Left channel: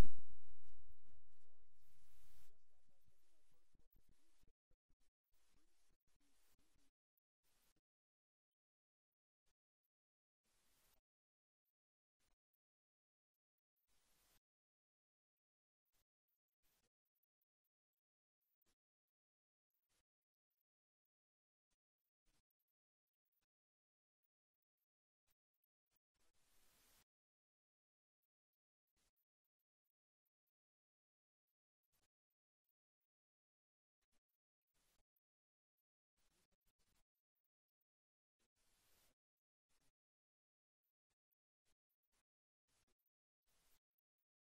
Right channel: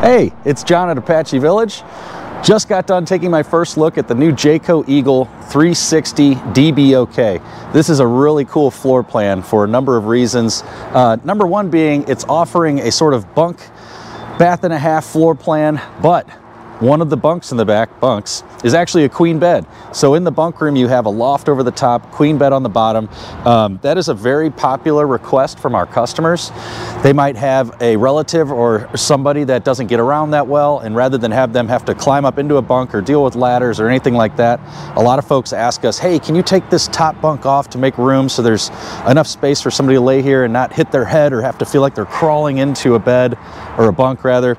Hey, it's John at Apache Village. Just got done taking my first look at the new Jayco Eagle 360 DBOK. This is a really cool floor plan for a number of reasons. Number one being it's offering a sort of bunk, bath and a half floor plan, but one of the bunks in the back, is actually a queen bed. So in the bunk room, you have a loft over the top, queen bed on the bottom. That is a very popular request from our customers. They might have a relative or somebody that doesn't get around that well, and rather than have them have to climb up into a bunk or deal with ladders or anything like that, a lot of folks ask us, hey, can you take this top bunk off to make room so there's enough space for somebody to lay here and not hit their head or have to feel like they're crawling into a bed, or a bunk rather.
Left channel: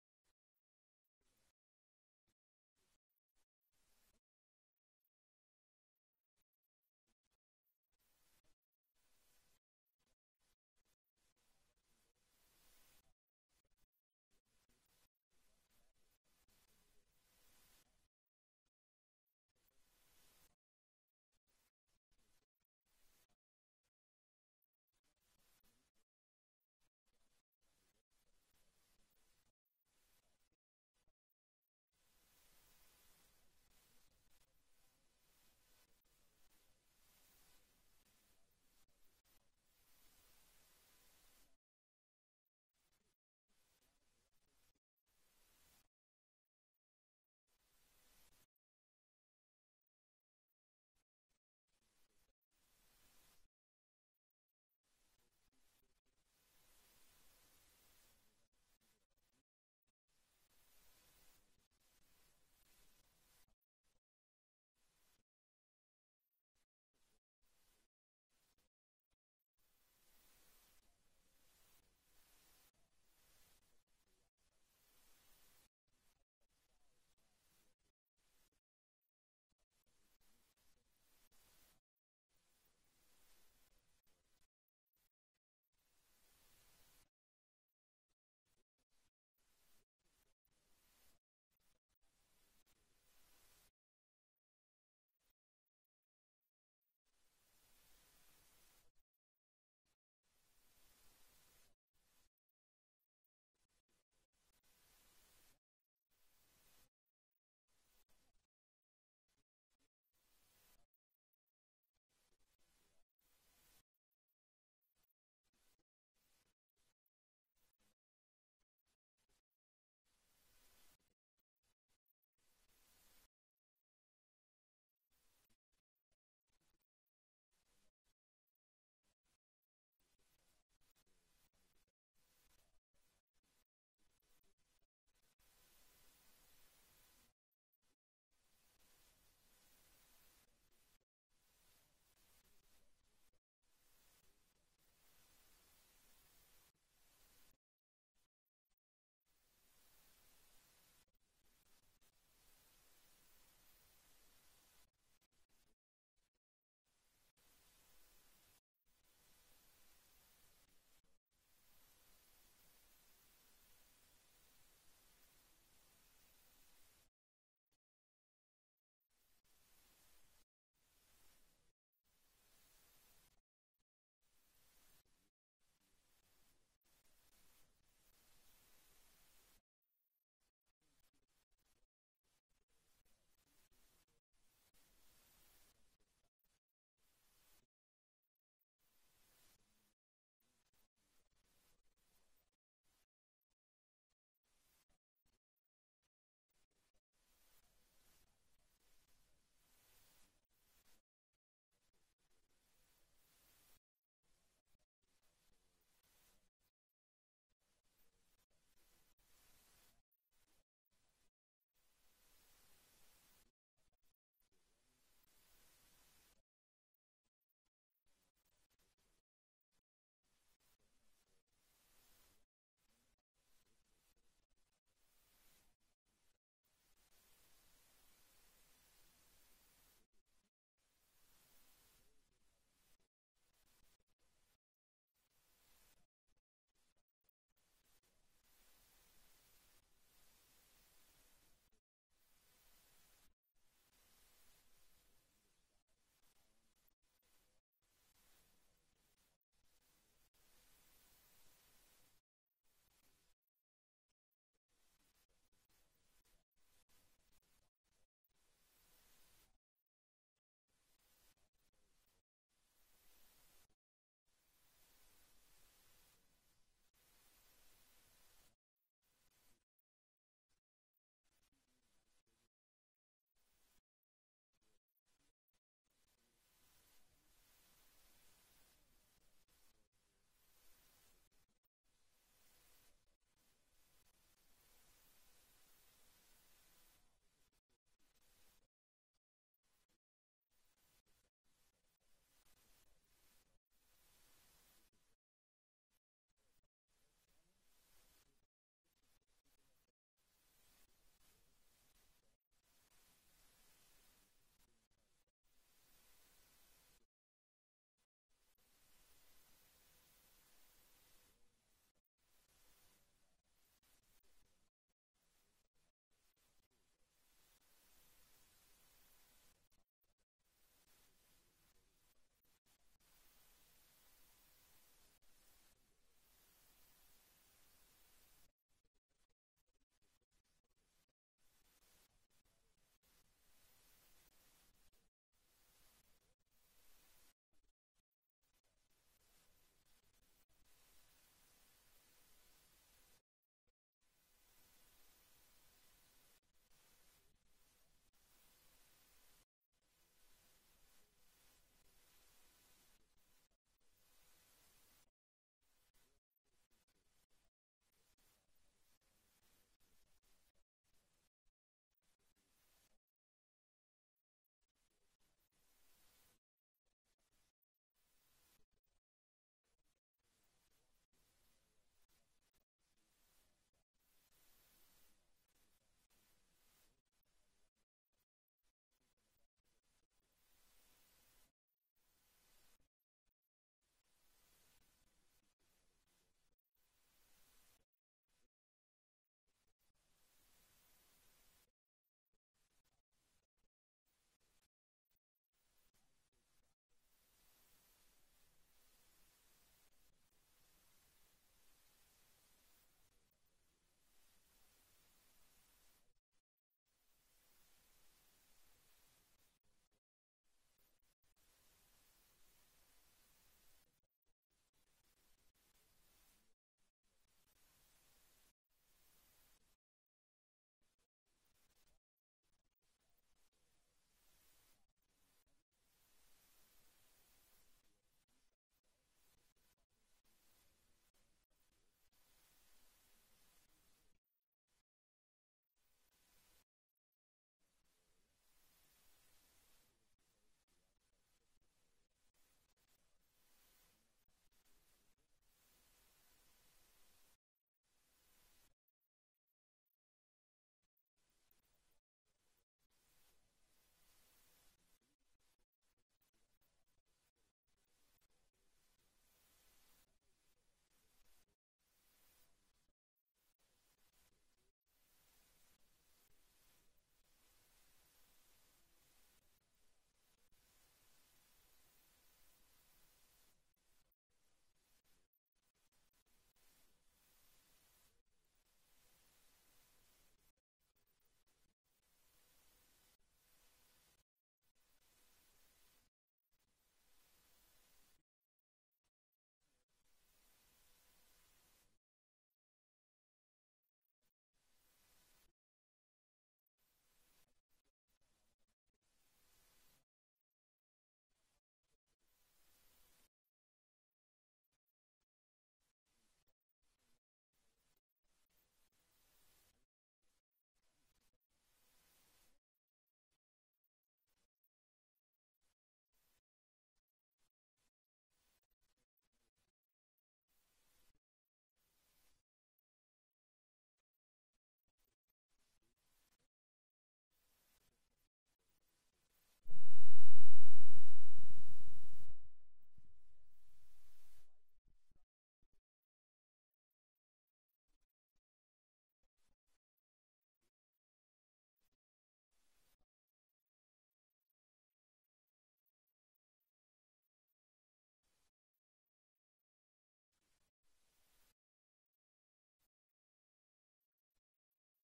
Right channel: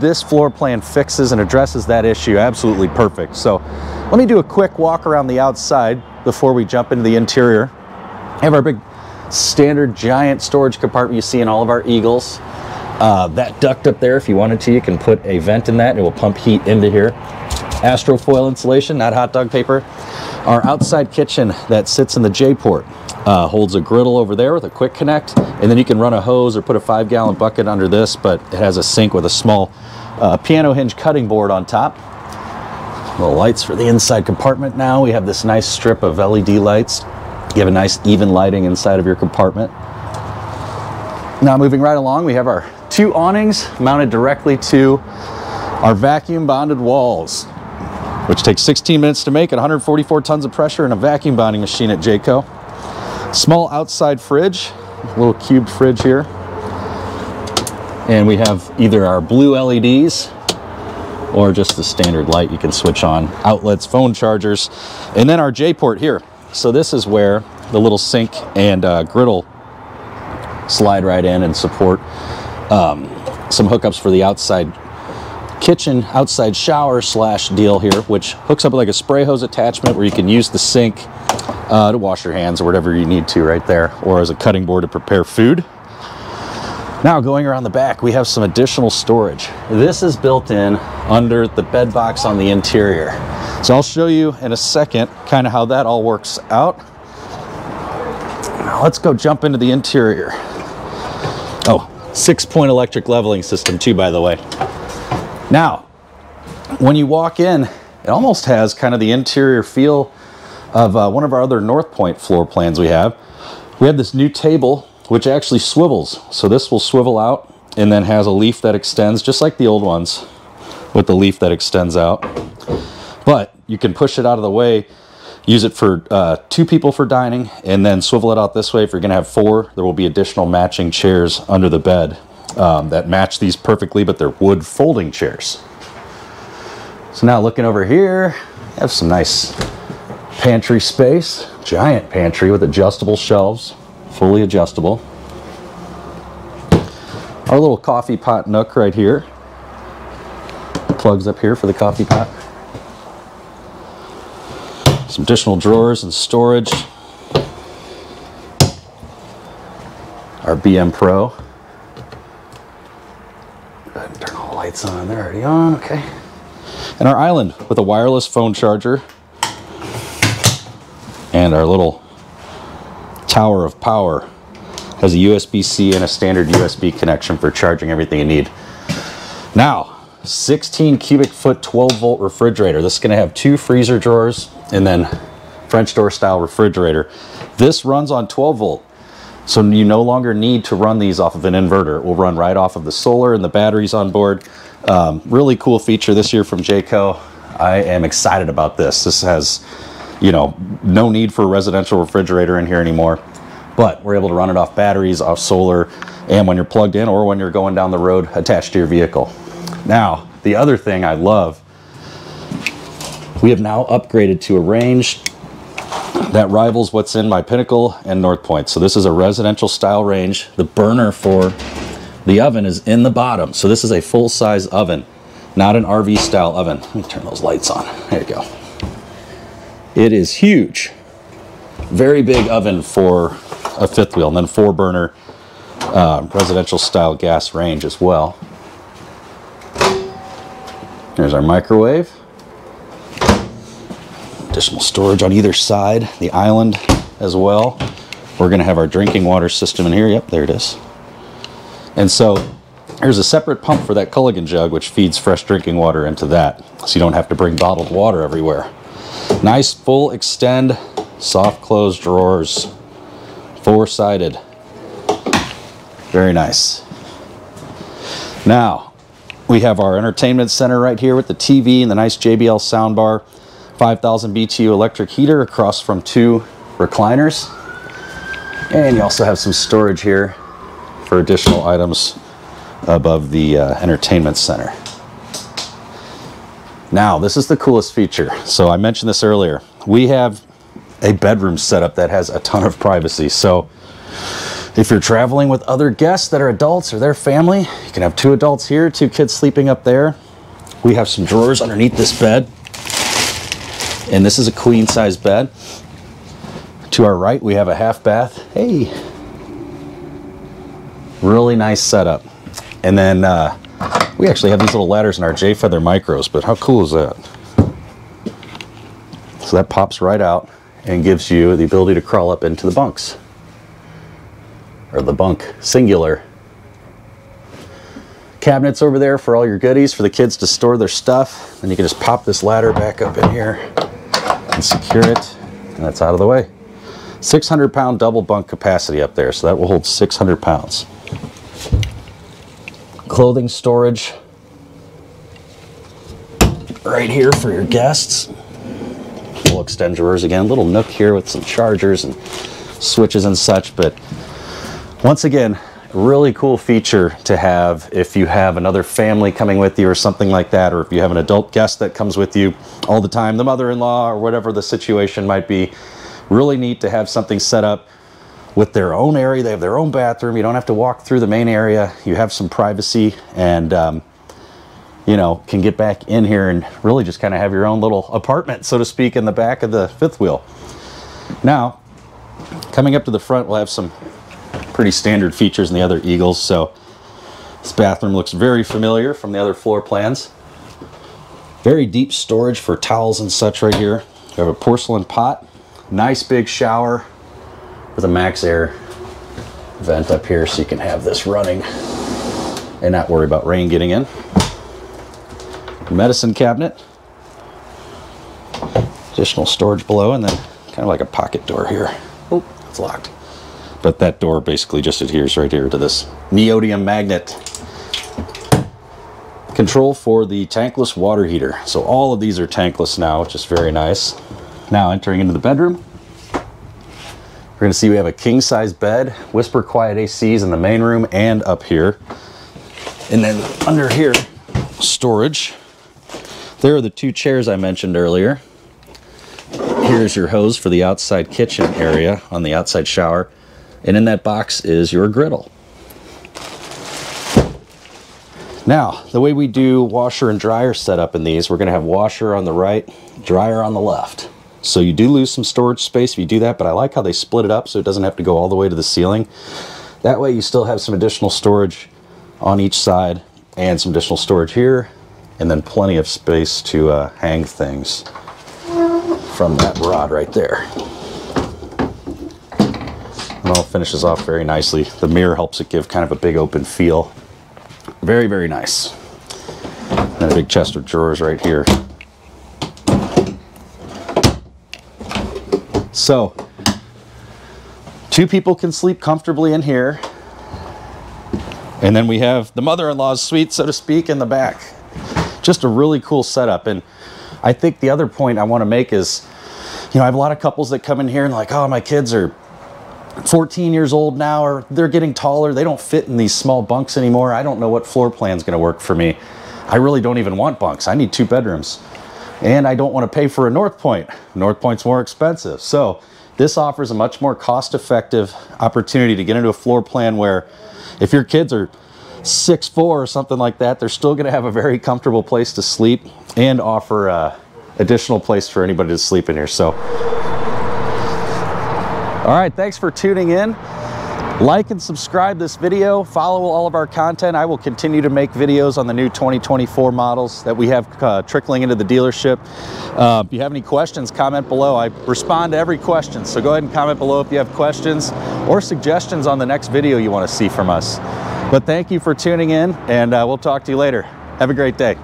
This floor plan fixes and addresses that issue absolutely perfect. So let me do a quick walk around the outside before we jump into the interior. We have our big standard giant storage compartment you see in all of our Eagles. That duct up there, if you wanted to, you can put a vent in that and it will pump heat into here. Astrofoil insulation, not hot dog paper. Our outside kitchen that sits in the JayPort holds a griddle over there with a quick connect, and then you can run a hose or put a 5-gallon bucket under this, but it has a sink with a small piano hinge cutting board on top. Little lights for the inside compartment now. We have this nice strip of LED lights. You have a nice even lighting inside of your compartment. Now moving right along, we have our 2 awnings mounted directly to our vacuum bonded walls, which takes 16 minutes to make at 144 tons of pressure in a vacuum bonding machine at Jayco. Small outside fridge, a little cubed fridge here. And we have either our blue LEDs or just the standard light you can switch on, outlets, phone chargers, and then our JayPort here. So this is where the little sink and griddle slide right in and support some hookups for the outside kitchen, outside shower slash deal here, which hooks up with like a spray hose attachment where you can use the sink to wash your hands or whatever you need to right there, or as a cutting board to prepare food. Now going around the back, we have some additional storage. This is built in under the bed box on the interior. So I'll show you in a second kind of how that all works out. Now let's go jump into the interior. Oh, 6-point electric leveling system too, by the way. Now, when you walk in, it almost has kind of the interior feel of one of our other North Point floor plans we have. We have this new table, which actually swivels. So this will swivel out and then has a leaf that extends, just like the old ones, with the leaf that extends out. But you can push it out of the way, use it for 2 people for dining, and then swivel it out this way. If you're gonna have 4, there will be additional matching chairs under the bed that match these perfectly, but they're wood folding chairs. So now looking over here, I have some nice pantry space, giant pantry with adjustable shelves, fully adjustable. Our little coffee pot nook right here. Plugs up here for the coffee pot. Some additional drawers and storage. Our BM Pro. Go ahead and turn all the lights on. They're already on, okay. And our island with a wireless phone charger. And our little tower of power has a USB-C and a standard USB connection for charging everything you need. Now, 16 cubic foot 12-volt refrigerator. This is going to have 2 freezer drawers and then French door style refrigerator. This runs on 12-volt, so you no longer need to run these off of an inverter. It will run right off of the solar and the batteries on board. Really cool feature this year from Jayco. I am excited about this. This has, you know, no need for a residential refrigerator in here anymore, but we're able to run it off batteries, off solar, and when you're plugged in or when you're going down the road attached to your vehicle. Now, the other thing I love, we have now upgraded to a range that rivals what's in my Pinnacle and North Point. So this is a residential style range. The burner for the oven is in the bottom. So this is a full-size oven, not an RV style oven. Let me turn those lights on. There you go. It is huge. Very big oven for a 5th wheel, and then 4-burner residential style gas range as well. There's our microwave. Additional storage on either side, the island as well. We're going to have our drinking water system in here. Yep, there it is. And so there's a separate pump for that Culligan jug, which feeds fresh drinking water into that, so you don't have to bring bottled water everywhere. Nice full extend, soft close drawers, four-sided. Very nice. Now, we have our entertainment center right here with the TV and the nice JBL soundbar, 5,000 BTU electric heater across from 2 recliners. And you also have some storage here for additional items above the entertainment center. Now, this is the coolest feature. So I mentioned this earlier. We have a bedroom setup that has a ton of privacy. So if you're traveling with other guests that are adults or their family, you can have 2 adults here, 2 kids sleeping up there. We have some drawers underneath this bed. And this is a queen size bed. To our right, we have a half bath. Hey, really nice setup. And then we actually have these little ladders in our J-Feather micros, but how cool is that? So that pops right out and gives you the ability to crawl up into the bunks. Or the bunk, singular. Cabinets over there for all your goodies, for the kids to store their stuff. And you can just pop this ladder back up in here and secure it, and that's out of the way. 600-pound double bunk capacity up there, so that will hold 600 pounds. Clothing storage right here for your guests. We'll extend drawers again. Little nook here with some chargers and switches and such, but once again, really cool feature to have if you have another family coming with you or something like that, or if you have an adult guest that comes with you all the time, the mother-in-law or whatever the situation might be. Really neat to have something set up with their own area. They have their own bathroom. You don't have to walk through the main area. You have some privacy and, you know, can get back in here and really just kind of have your own little apartment, so to speak, in the back of the fifth wheel. Now, coming up to the front, we'll have some pretty standard features in the other Eagles. So this bathroom looks very familiar from the other floor plans. Very deep storage for towels and such right here. We have a porcelain pot, nice big shower with a max air vent up here so you can have this running and not worry about rain getting in. Medicine cabinet, additional storage below, and then kind of like a pocket door here. Oh, it's locked. But that door basically just adheres right here to this neodymium magnet. Control for the tankless water heater. So all of these are tankless now, which is very nice. Now entering into the bedroom, we're going to see we have a king size bed, whisper quiet ACs in the main room and up here. And then under here, storage. There are the 2 chairs I mentioned earlier. Here's your hose for the outside kitchen area on the outside shower. And in that box is your griddle. Now, the way we do washer and dryer setup in these, we're going to have washer on the right, dryer on the left. So you do lose some storage space if you do that, but I like how they split it up so it doesn't have to go all the way to the ceiling. That way you still have some additional storage on each side and some additional storage here, and then plenty of space to hang things from that rod right there. And all finishes off very nicely. The mirror helps it give kind of a big open feel. Very, very nice. And a big chest of drawers right here. So, 2 people can sleep comfortably in here. And then we have the mother-in-law's suite, so to speak, in the back. Just a really cool setup. And I think the other point I want to make is, you know, I have a lot of couples that come in here and like, oh, my kids are 14 years old now, or they're getting taller. They don't fit in these small bunks anymore. I don't know what floor plan's going to work for me. I really don't even want bunks. I need 2 bedrooms. And I don't want to pay for a North Point. North Point's more expensive. So this offers a much more cost-effective opportunity to get into a floor plan where if your kids are 6'4" or something like that, they're still going to have a very comfortable place to sleep and offer additional place for anybody to sleep in here. So, all right, thanks for tuning in. Like and subscribe this video, follow all of our content. I will continue to make videos on the new 2024 models that we have trickling into the dealership. If you have any questions, comment below. I respond to every question, so go ahead and comment below if you have questions or suggestions on the next video you want to see from us. But thank you for tuning in, and we'll talk to you later. Have a great day.